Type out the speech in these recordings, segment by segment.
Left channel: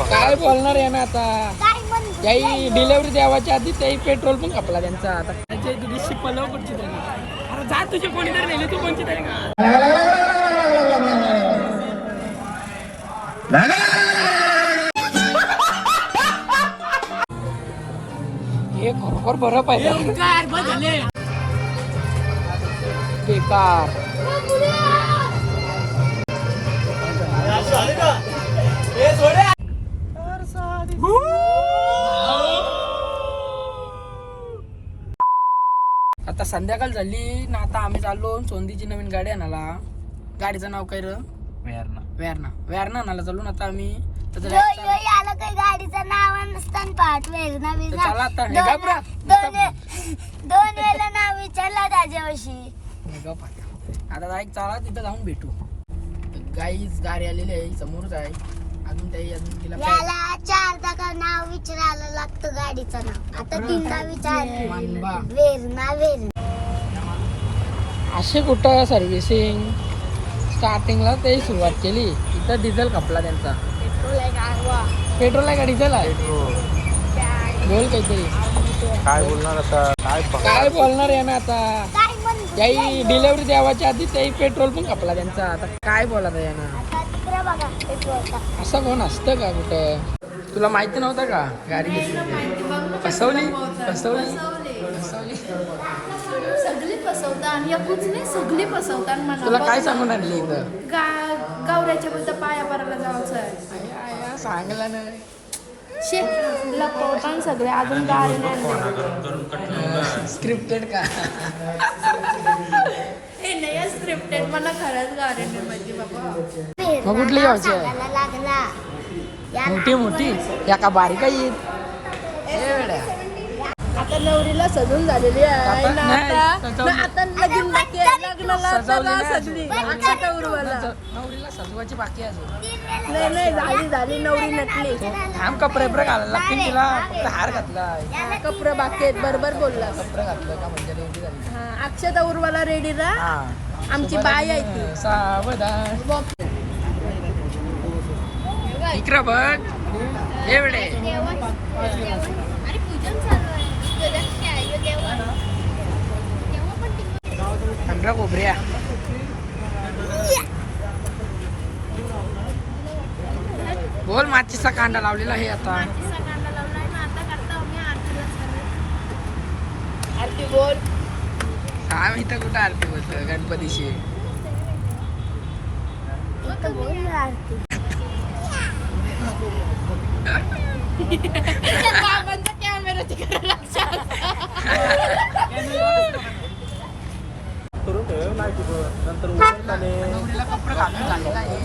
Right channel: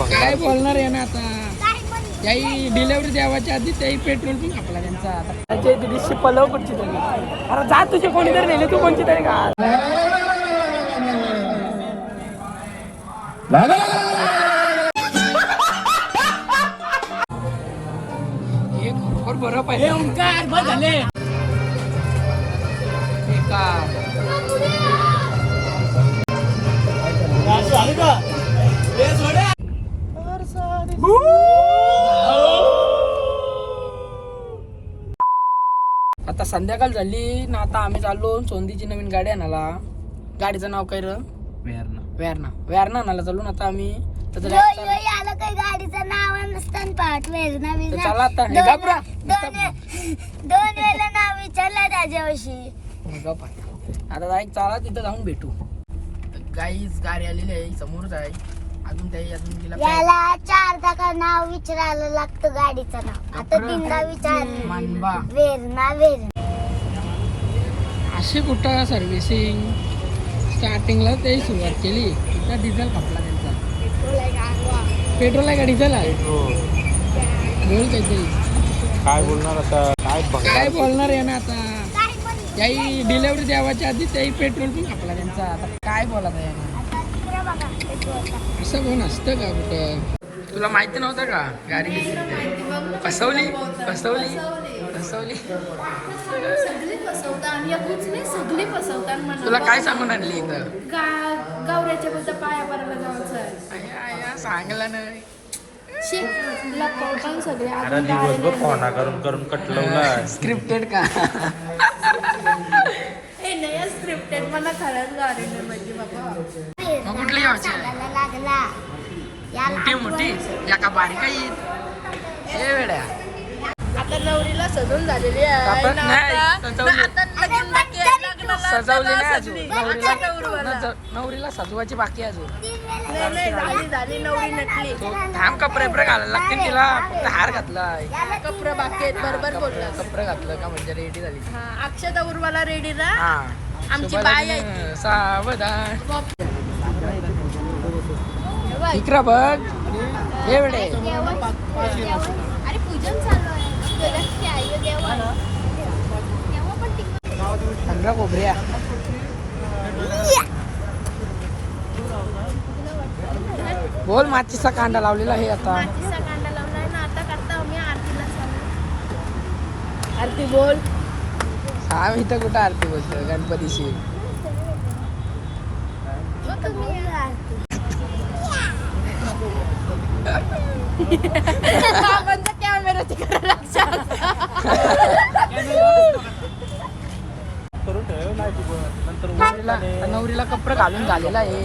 काय बोलणार आहे ना आता. त्याही डिलेवरी द्यावाच्या आधी त्याही पेट्रोल पण खपला त्यांचा. आता त्याच्या दिवशी पलव कुठची तरी. अरे जा तुझे कोणीतरी नेले तू कोणची तरी का. एक बरं पाहिजे झाले आता संध्याकाळ झाली ना. आता आम्ही चाललो सोंदीची नवीन गाडी आणायला. गाडीचं नाव काय र? वेरणा आणायला चाललो ना आता आम्ही. गाडीचं नाव नसतं पाठ वेरणा चला आता दोन वेळेला नाव विचारला त्याच्याविषयी. आता चला तिथं जाऊन भेटू. गाईच गाडी आलेली आहे समोरच आहे. अजून तिला याला 4 नाव विचारायला लागतं गाडीचं नाव. आता 3दा विचार वेरणा. असे कुठं सर्व्हिसिंग स्टार्टिंगला ते सुरुवात केली. तिथं डिझेल खपला त्यांचा. पेट्रोल आहे का डिझेल आहे? बोल काहीतरी. काय बोलणार आता. काय बोलणार आहे ना आता. त्याही डिलेवरी द्यावाच्या आधी त्याही पेट्रोल पण खपला त्यांचा. आता काय बोलायचं आहे ना. असं कोण असतं का कुठं. तुला माहिती नव्हतं का गाडी घेतली? फसवली. तुला काय सांगून आणली इथं? गावऱ्याच्या बद्दल पाया परायला जायचं आहे. सांगला नाही. लपवताना सगळे अजून गाडी नाही. स्क्रिप्टेड का? हे नाही स्क्रिप्टेड. मला खरंच गाडी नाही माहिती बाबा. मग कुठली घ्यायची आहे? मोठी या का बारीक आहे? वेड्या आता नवरीला सजून झालेली आता नाही सजवली नाही आहे. अजून. नवरीला सजवायची बाकी आहे अजून. झाली नवरी नटली. थांब कपडे घालायला लागतील तिला. फक्त हार घातलाय. कपडे बाकी आहेत. बरोबर बोलला. कपडे घातलं का म्हणजे रेडी झाली. अक्षता उर्वाला रेडी ना. हा आमची बाई आहे. सावधान इकडं बघ. ये वेळे अरे पूजन चालू आहे. थंड खोबऱ्या. बोल. माचीचा कांदा लावलेला आहे आता. कांदा लावलाय ना. आता करता आम्ही आरतीला चालू. आरती बोल. आम्ही इथं कुठं आरती बोलतो गणपतीशी. नवरीला कपडे घालून झालेला आहे.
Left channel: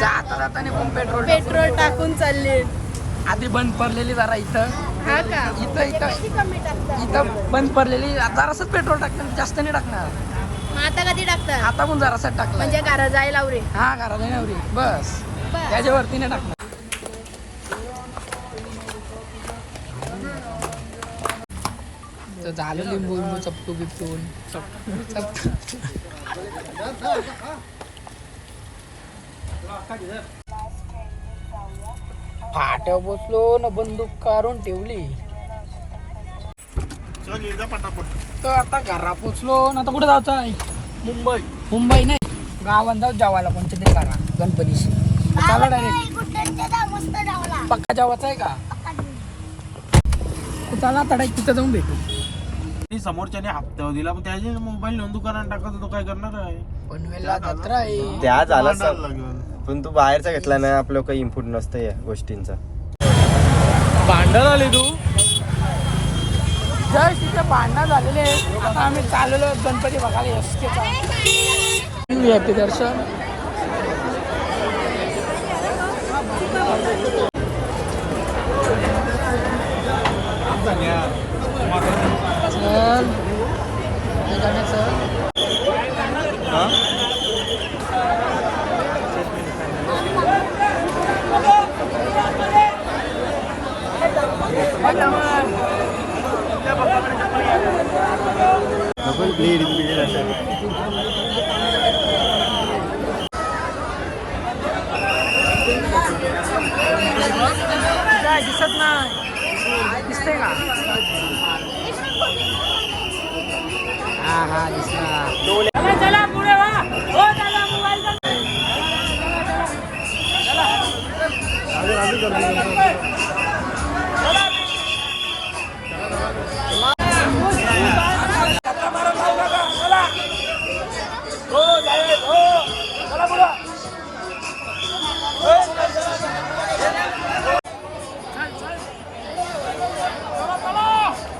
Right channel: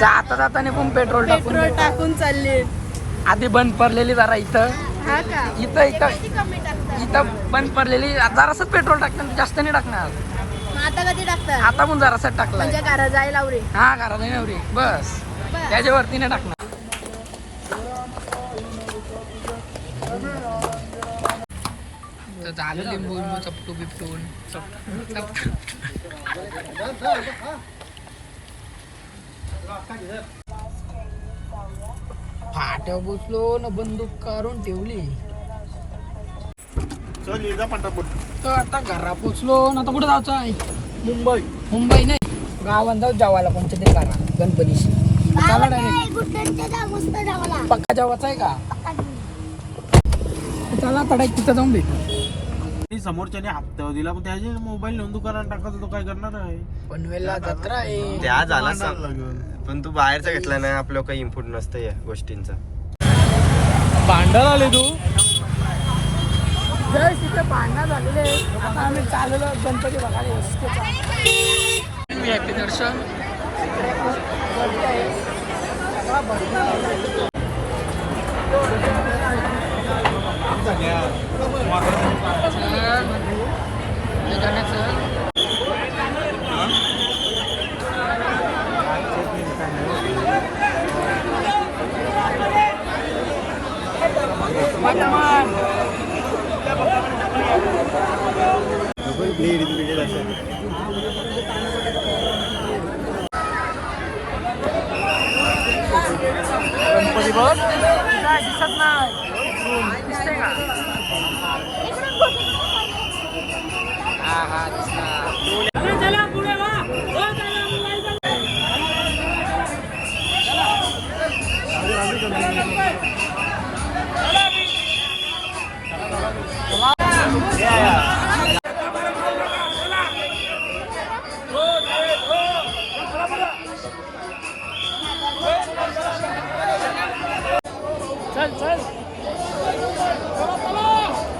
जाता जाताना पण पेट्रोल टाकून चालले. आधी बंद पडलेली जरा इथं. हा का? इथं बंद पडलेली. जरासं पेट्रोल टाकणार. जास्त नाही टाकणार. आता कधी टाकतात? आता पण जरासा टाकला. म्हणजे घरा जायला रे. हा घरात आहे नवरी बस. त्याच्यावरती नाही टाकणार. झालं लिंबू चपटू बिपटून फाट्या बसलो ना. बंदूक काढून ठेवली. आता घरा पोचलो ना. आता कुठे जायचं आहे? मुंबई नाही गावात जाऊ जेवायला कोणत्या तरी करा गणपतीशी. चला डायरेक्ट. पक्का जेवायचं आहे का? चला तडा तिथं जाऊन भेटू. समोरच्याने हप्ता दिला पण त्याचे मोबाईल नेऊन दुकानात टाकत तो काय करणार आहे. पनवेलला जत्रा आहे. त्या झालं पण तू बाहेरचा घेतला नाही. आपलं काही इनपुट नसतं या गोष्टींचं. भांडण आले तू. जस्ट तिथे भांडणं झालेले. आता आम्ही चाललेलो गणपती बघायला. एसकेचा VIP दर्शन. काय दिसत नाही.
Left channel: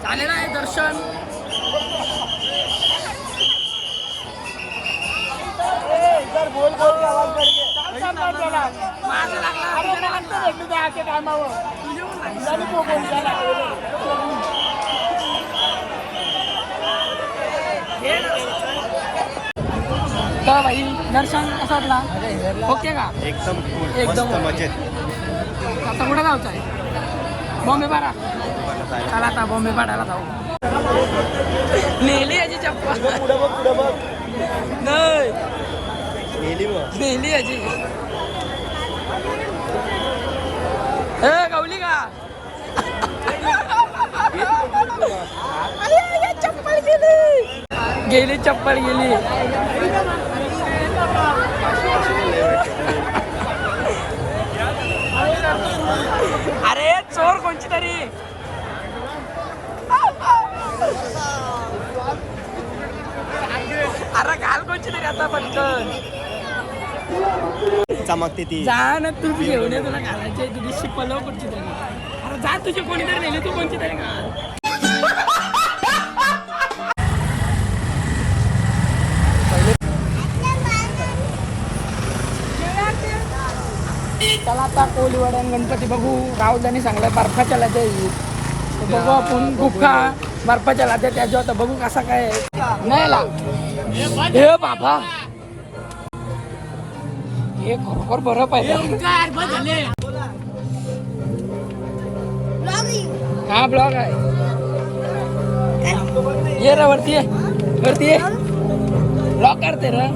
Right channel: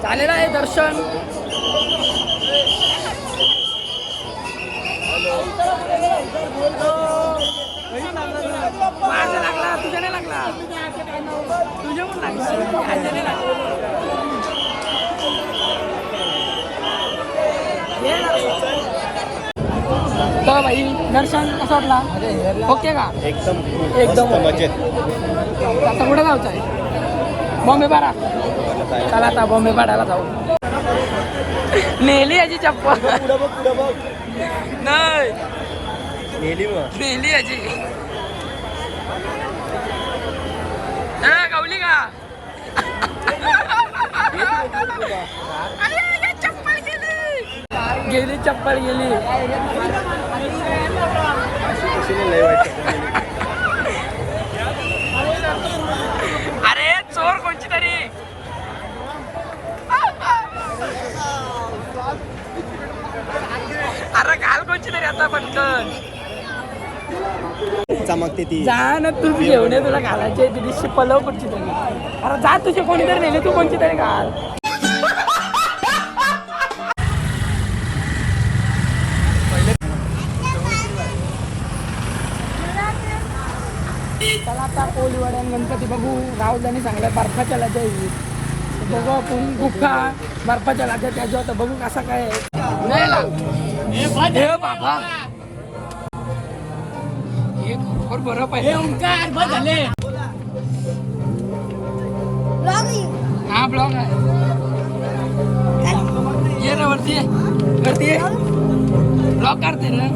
झालेलं आहे दर्शन. माझा लागला तुझ्या नाही लागला. तुझ्या पण लागला. तर भाई दर्शन कसं वाटला? ओके का? एकदम मजेत. आता कुठे जायचं आहे? बॉम्बे पाडा. चला आता बॉम्बे पाडायला जाऊ. नेली याची चप्पल नाही. नेली याची. गावली का? चप्पल गेली चप्पल गेली. अरे चोर कोणची तरी. अरे घाल कोणची तरी आता पटकन. चमकते ती. जा ना तूच घेऊन ये. तुला घालायची तुझी पलव कोणची तरी. अरे जा तुझे कोणीतरी नेले तू कोणची तरी घाल. चला आता कोळीवाड्या गणपती बघू. राहुलदानी सांगलं बर्फाच्या लाद्या येईल. बघू आपण गुफा बर्फाच्या लाद्या त्याच्यावर तर बघू कसा काय नाही ना. बाबा एक बरं पाहिजे. हा ब्लॉग आहे. ये रे वरती ये. वरती ये. ब्लॉग करते रे.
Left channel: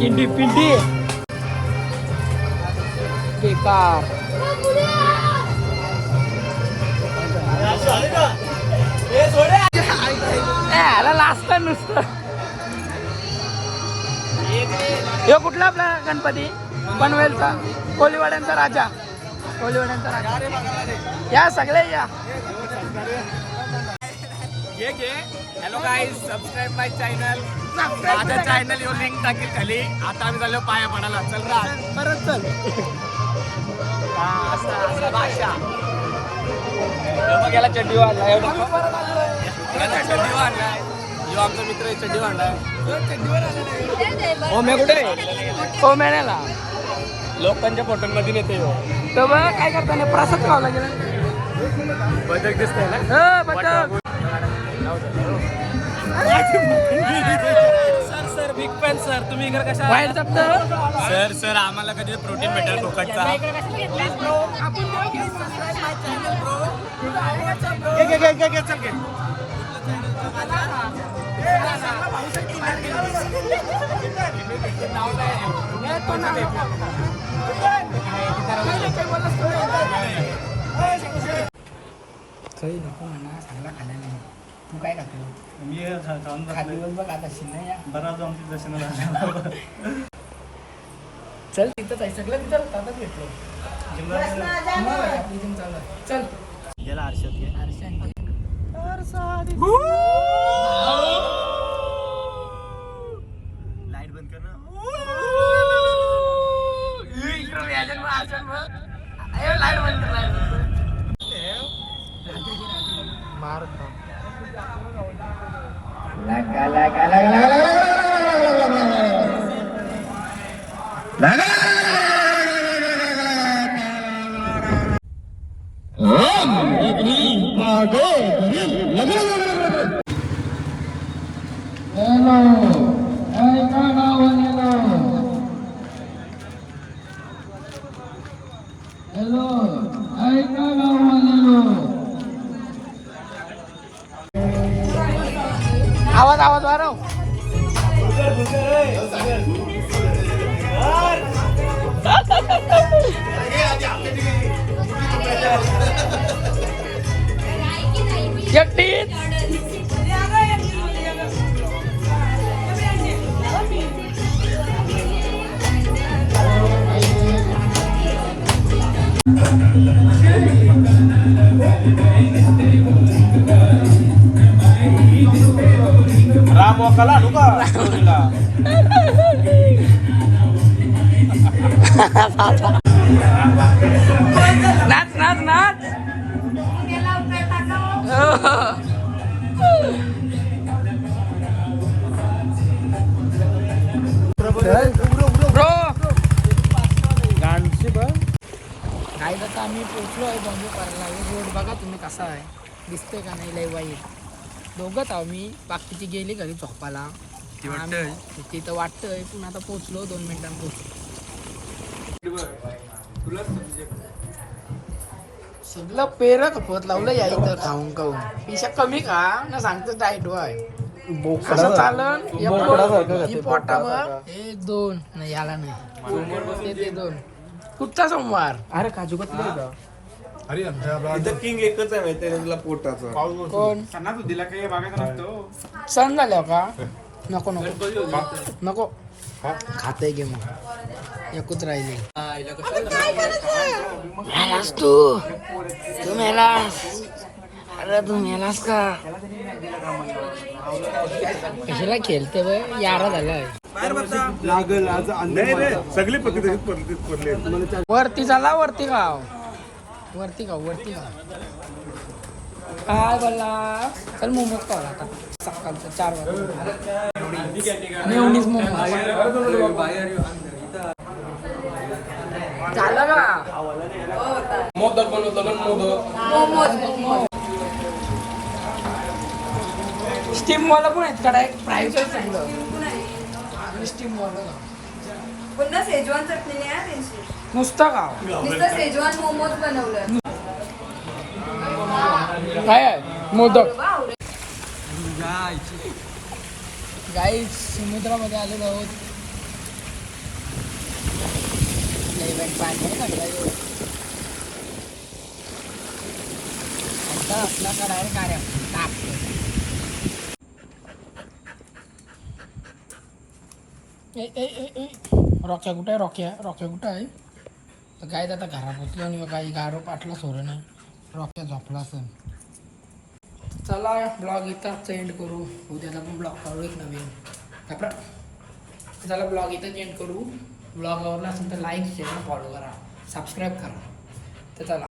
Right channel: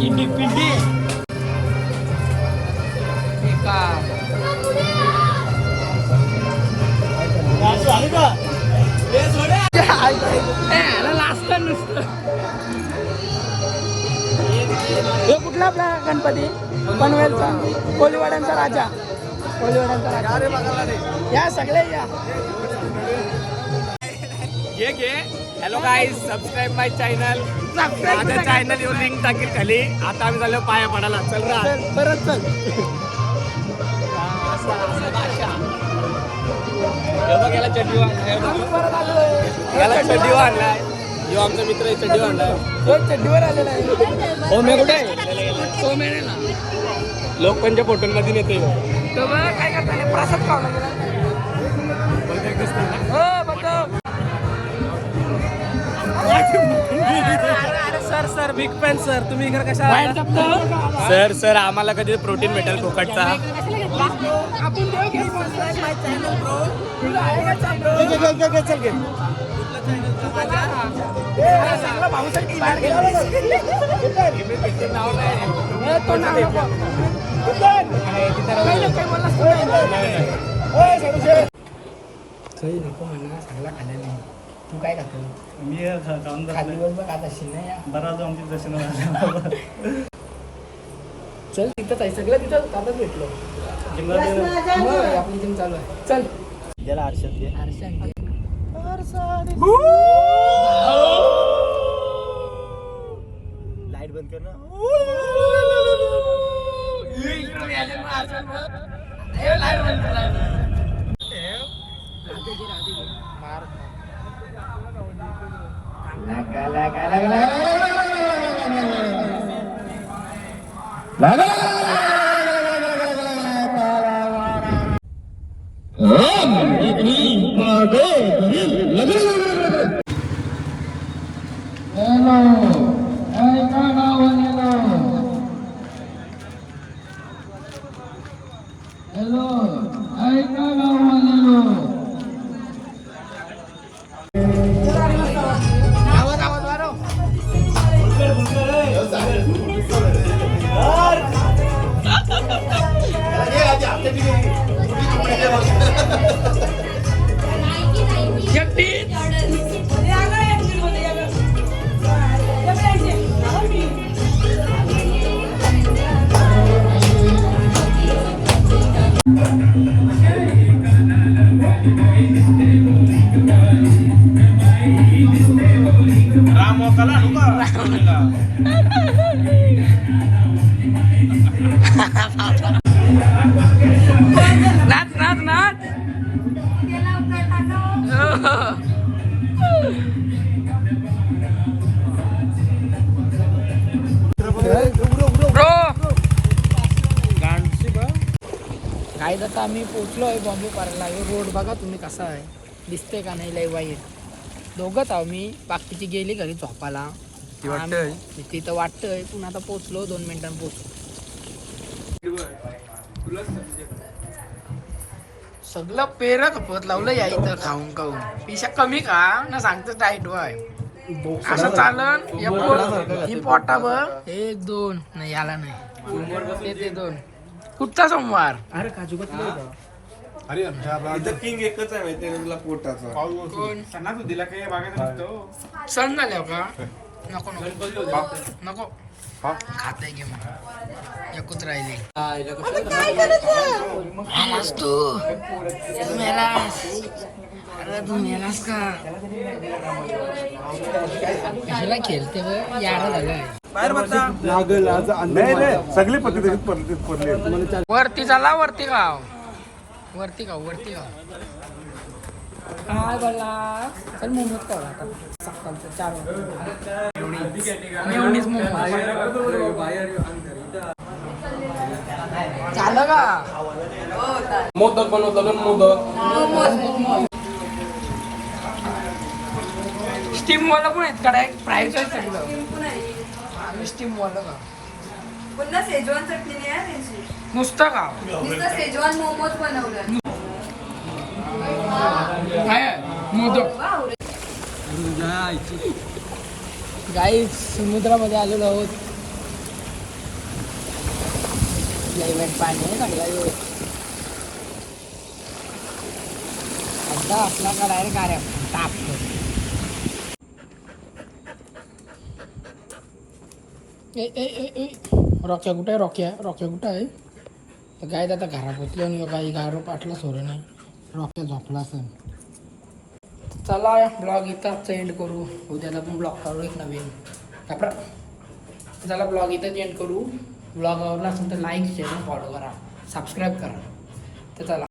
पिंडी पिंडी लास्ट नुसतं. हे कुठला आपला गणपती? पनवेलचा कोळीवाड्यांचा राजा. कोळीवाड्यांचा राजा. या सगळे या. घे. हॅलो गाईज, सबस्क्राईब माय चॅनल. माझ्या चॅनल येऊन लिंक टाकेल खाली. आता आम्ही झालो पाया पडायला. चल रा परत चल. याला चड्डी वाढलाय. याला चड्डी वाढलाय. जो आमचा मित्र आहे चड्डी वाढलाय. चड्डीवर आलेला आहे. ओम्या कुठे? ओम्याला लोकांच्या फोटोमध्ये नेते. तर बघा काय करता. प्रसाद खावा लागेल. बदक दिसतोय ना. बदक. Sir big fan sir. तुम्ही इकडे कशा वाईट जपत सर आम्हाला कधी प्रोटीन भेटेल फुकटचा. आपण चांगला खाल्ला नाही. तू काय खातो? मी खाली बघ आता शिन्ना या. बराच आमची दर्शन. चल तिथंच आहे सगळं. तिथं आताच भेटलो. आपली जिम चालू आहे. चल याला आरशात घे. लाईट बंद कर ना. आवाज वाढव. एकटीच राम वकाला आणू का रामला? नाच नाच नाच ब्रो काय आता आम्ही पोचलो आहे बॉम्बे पार्कला. रोड बघा तुम्ही कसा आहे, दिसते का नाही लय वाईट. दोघंच आहो मी, बाकीची गेली घरी झोपाला. तिथं वाटतंय पण आता पोचलो 2 मिनिटांनी पोचलो. सगळं पेर खपत लावलं या इथं खाऊन खाऊन. पिशा कमी खा ना सांगतो डाएट वाय असं चालन. ही पोटा बघ 1 2 नाही याला नाही ते 2 कुठचा सोमवार. अरे काजू इथं किंग एकच आहे माहिती तुला पोटाचा. कोण सणा तू दिला काही बघायचं नसतं. सण झाल्यावर का नको नको नको खाते घेऊन एकूच राहिले. मेलास तू मेलास. अरे तू मेलास का कशाला खेळते बघ यारा झालाय. सगळी पद्धती वरती झाला वरती गाव वरती गाव वरती गाव काय बोलला. चल मोमोज खावा आता सकाळचं 4 वाजता. मेयोनीज मोमोज झालं ना. मोदक बनवतो मोदक. स्टीम वाला पण आहेत का डायरेक्ट फ्राय काय चांगलं. स्टीम वाला का पुन्हा सेजवान चटणी नाही आहे त्यांची. नुसतं गाव नुसतं सेजवान मोमोज बनवलं. काय आहे मोदक. गाईस समुद्रामध्ये आलेलो आहोत. पाणी आहे सगळं. आता आपला का डायरेक्ट गाड्या टाकतो. रॉक्या कुठे आहे. रॉक्या कुठं आहे. तर गाय आता घरात बसलो गाई गारं पाटलं सोडं नाही. रॉक्या झोपला असेल. चला ब्लॉग इथंच एंड करू. उद्याला पण ब्लॉग करू एक नवीन कपडा. चला ब्लॉग इथंच एंड करू. ब्लॉग आवडला असेल तर लाईक शेअर फॉलो करा सबस्क्राईब करा. तर चला